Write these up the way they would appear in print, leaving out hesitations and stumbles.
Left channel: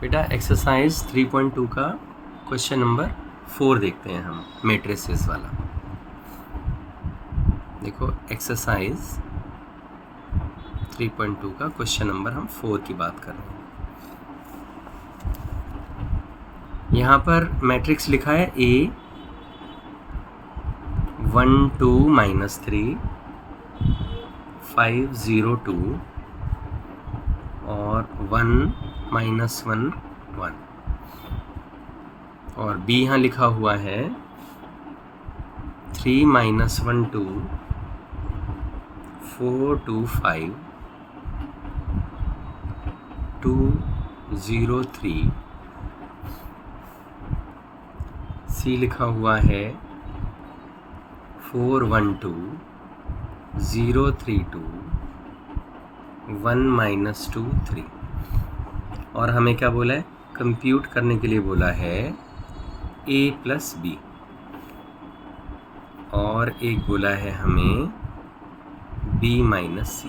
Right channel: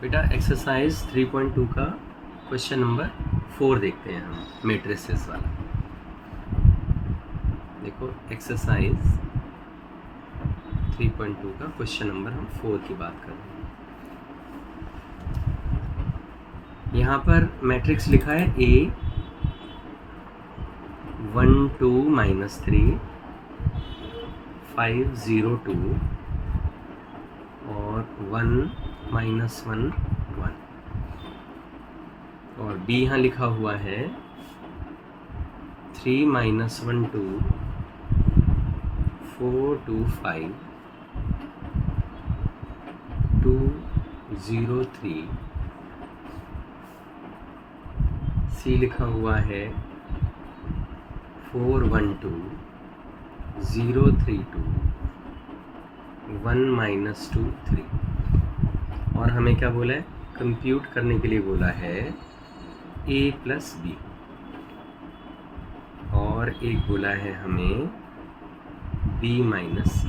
बेटा एक्सरसाइज 3.2 का question number 4 देखते हैं हम, मैट्रिसेस वाला। देखो एक्सरसाइज 3.2 का क्वेश्चन नंबर हम 4 की बात कर रहे हैं। यहाँ पर मैट्रिक्स लिखा है A 1 2 -3 5 0 2 और 1 -1 1 और B यहाँ लिखा हुआ है 3 -1 2 4 2 5 2 0 3 C लिखा हुआ है 4 1 2 0 3 2 1 -2 3 और हमें क्या बोला है, कंप्यूट करने के लिए बोला है A + B और एक बोला है हमें B - C।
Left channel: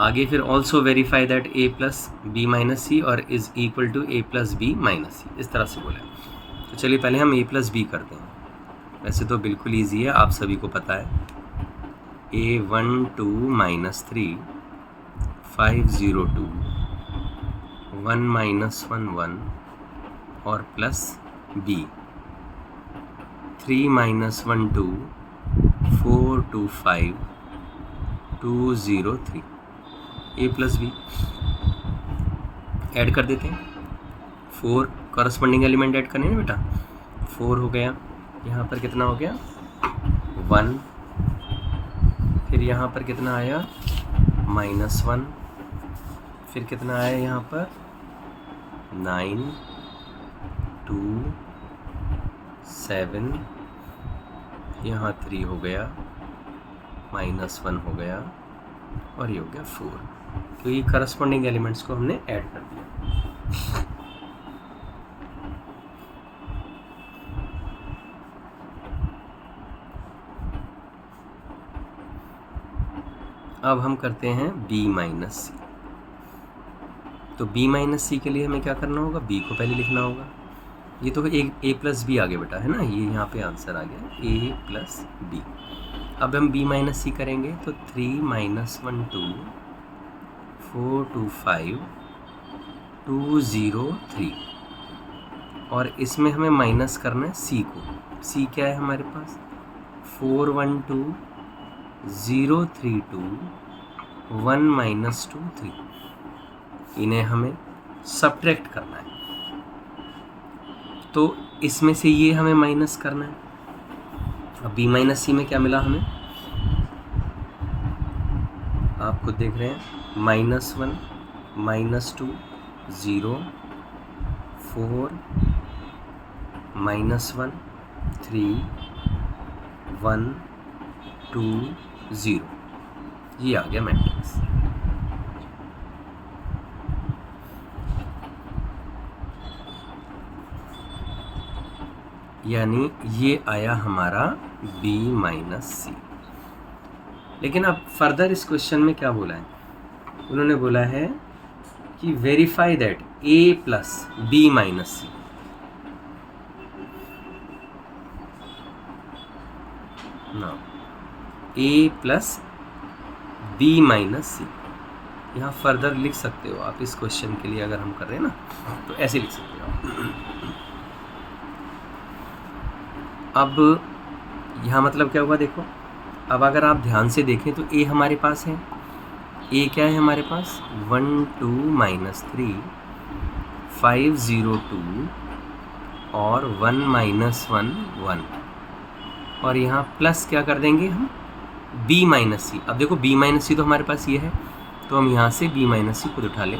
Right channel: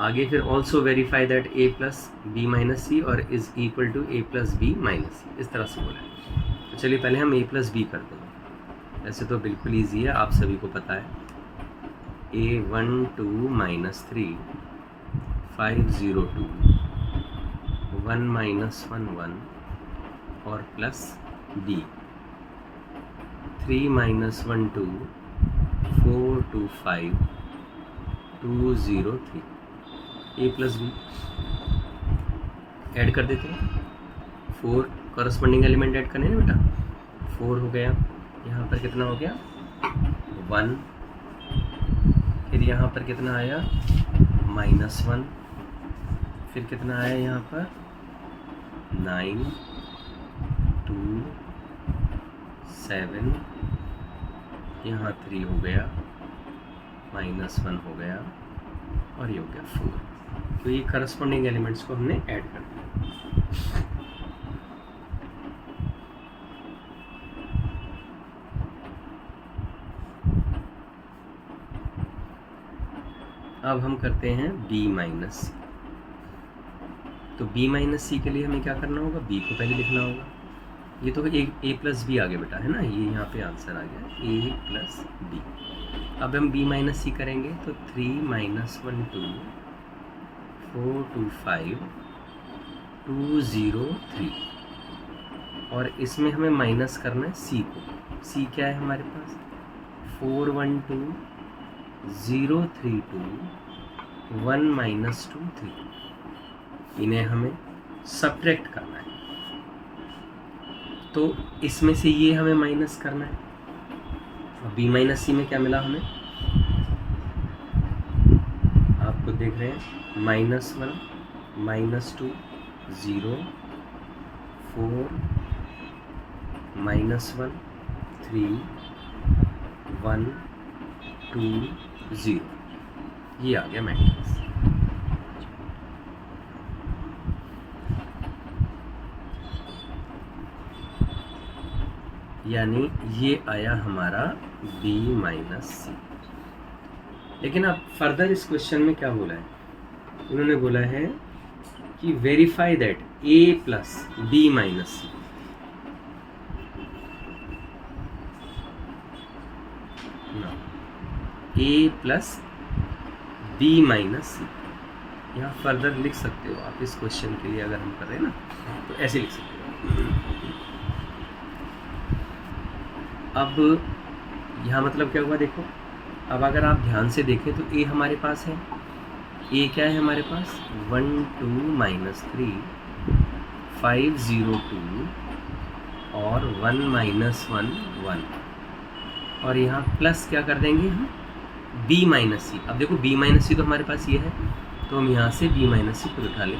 आगे फिर also verify that A + B - C और is equal to A + B - C, इस तरह से बोला है। तो चलिए पहले हम A + B करते हैं। वैसे तो बिल्कुल ईजी है, आप सभी को पता है। A 1 2 -3 5 0 2 1 -1 1 और plus B 3 -1 2 4 2 5 2 0 3 A + B add कर देते हैं। 4 कॉरस्पॉन्डिंग एलिमेंट ऐड करने हैं बेटा। 4 हो गया, यहाँ पर कितना हो गया 1, फिर यहाँ पर कितना आया -1, फिर कितना आया यहाँ पर 9 2 7, यहाँ 3 हो गया, -1 हो गया और ये हो गया 4। तो ये करस्पॉन्डिंग एलिमेंट्स को हमने ऐड कर दिया। अब हम करते हैं B - C। तो B - C के लिए हमें क्या करना होगा, B को पहले लिखना होगा। ये तो A + B आ गया बेटा, है ना, ये यहाँ पे आंसर आ गया A + B। अब हम B - C करेंगे तो 3 -1 2 4 2 5 2 0 3 और इसमें हमें माइनस करना है C को। C क्या है हमारे पास 4 1 2 0 3 2 1 -2 3। इन्हें हमें सब्ट्रैक्ट करना है, तो इसमें से ये हमें माइनस करना है। अब B - C में क्या मिला हमें, आप खुद देख रहे हैं, -1 -2 0 4 -1 3 1 2 0। ये आ गया मैट्रिक्स। यानी ये आया हमारा B - C। लेकिन अब फर्दर इस क्वेश्चन में क्या बोला है, उन्होंने बोला है कि verify that A + B - C। ना A + B - C यहाँ फर्दर लिख सकते हो आप। इस क्वेश्चन के लिए अगर हम कर रहे हैं ना, तो ऐसे लिख सकते हो। अब यहाँ मतलब क्या हुआ देखो, अब अगर आप ध्यान से देखें तो A हमारे पास है। A क्या है हमारे पास 1 2 -3 5 0 2 और 1 -1 1 और यहाँ प्लस क्या कर देंगे हम B - C। अब देखो B - C तो हमारे पास ये है, तो हम यहाँ से B - C को उठा लें।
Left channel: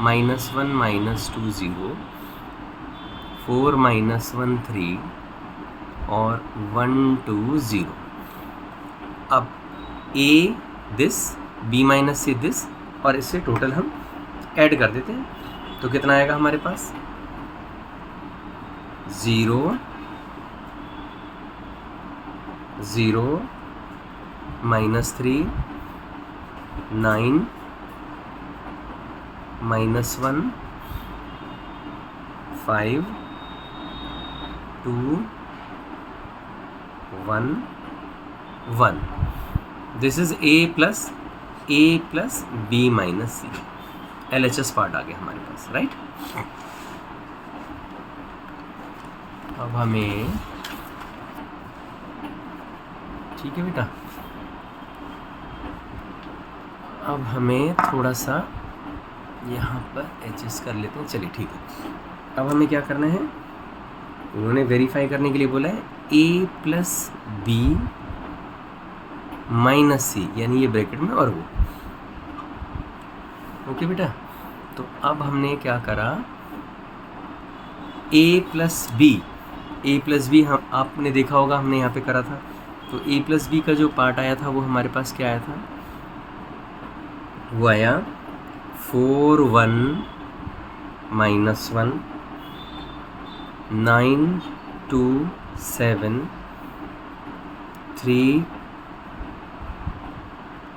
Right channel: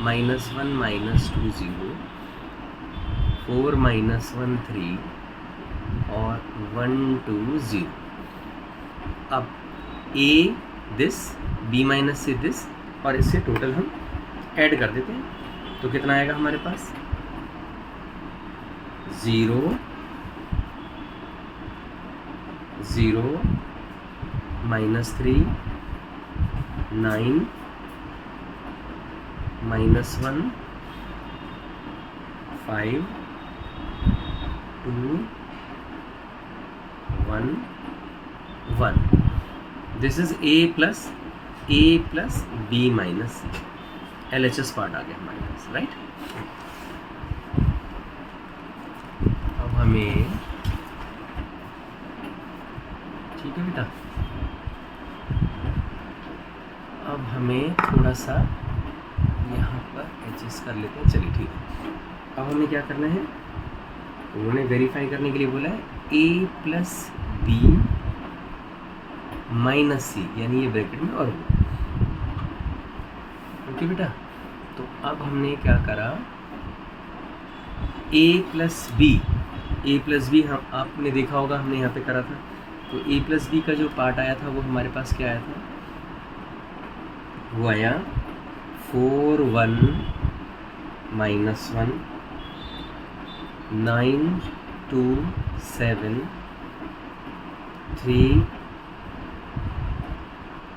-1 -2 0 4 -1 3 और 1 2 0। अब A this B - C this और इससे टोटल हम ऐड कर देते हैं। तो कितना आएगा हमारे पास 0 0 -3 9 -1 5 2 1 1. This is a plus b minus c. LHS part आ गया हमारे पास, राइट. अब हमें, ठीक है बेटा, अब हमें थोड़ा सा यहाँ पर एडजस्ट कर लेते हैं. चलिए ठीक है. अब हमें क्या करना है, उन्होंने वेरीफाई करने के लिए बोला है a प्लस बी माइनस सी, यानी ये ब्रैकेट में और वो. ओके बेटा. तो अब हमने क्या करा, a प्लस बी हम आपने देखा होगा हमने यहाँ पे करा था. तो a प्लस बी का जो पार्ट आया था वो हमारे पास क्या आया था, वो आया 4 1 -1 9 2 7 3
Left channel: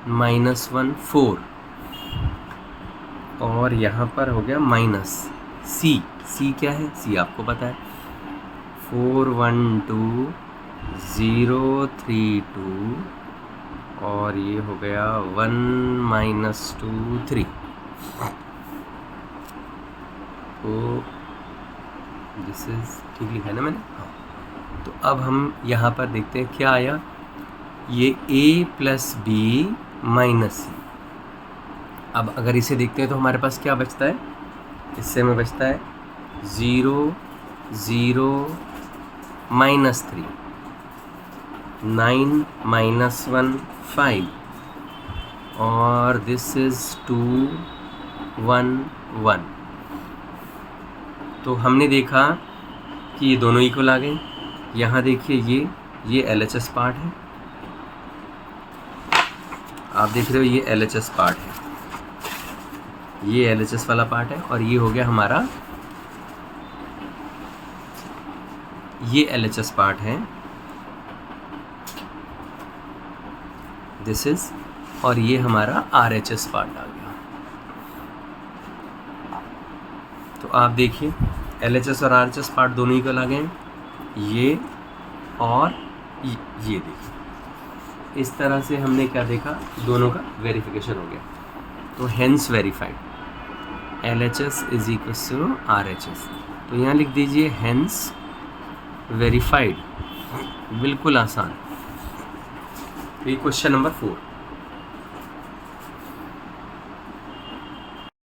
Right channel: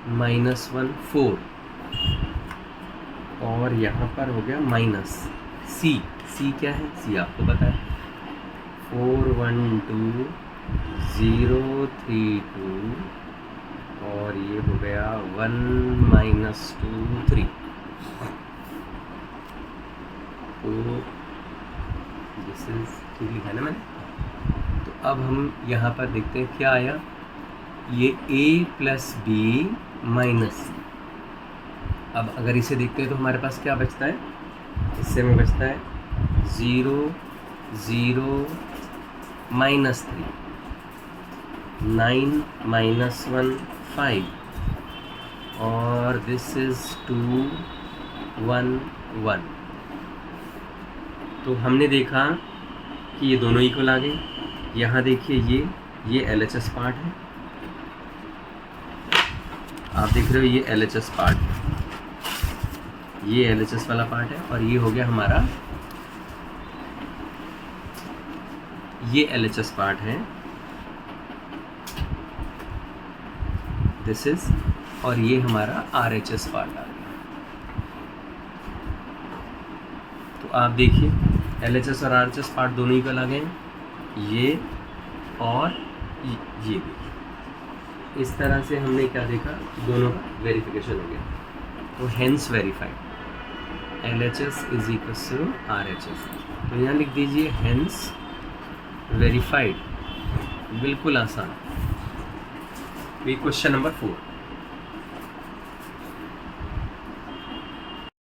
-1 4, और यहाँ पर हो गया माइनस सी क्या है, सी आपको पता है 4 1 2 0 3 2, और ये हो गया 1 -2 3. तो दिस इज ठीक लिखा है ना मैंने. तो अब हम यहाँ पर देखते हैं क्या आया, ये a प्लस बी माइनस सी. अब अगर इसे देखते हैं तो हमारे पास क्या बचता है, इससे में बचता है 0 0 -3 9 -1 5, और दिस इज 2 1 1. तो हमने देखा कि ये दोनों इक्वल आ गए. यहाँ देखिए ये LHS पार्ट है, आप देख रहे हो ये LHS पार्ट है, ये LHS वाला पार्ट है, और ये हो गया हमारा ये LHS पार्ट है, दिस इज, और ये हमारा RHS पार्ट आ गया. तो आप देखिए LHS और RHS पार्ट दोनों इक्वल आ गए हैं, ये और ये देखिए. इस तरह से हमने क्या देखा, दोनों का वेरिफिकेशन हो गया. तो hence verified LHS is equal to RHS. तो यहाँ लिख दीजिए हेंस वेरीफाइड. बिल्कुल आसान. ये क्वेश्चन नंबर 4.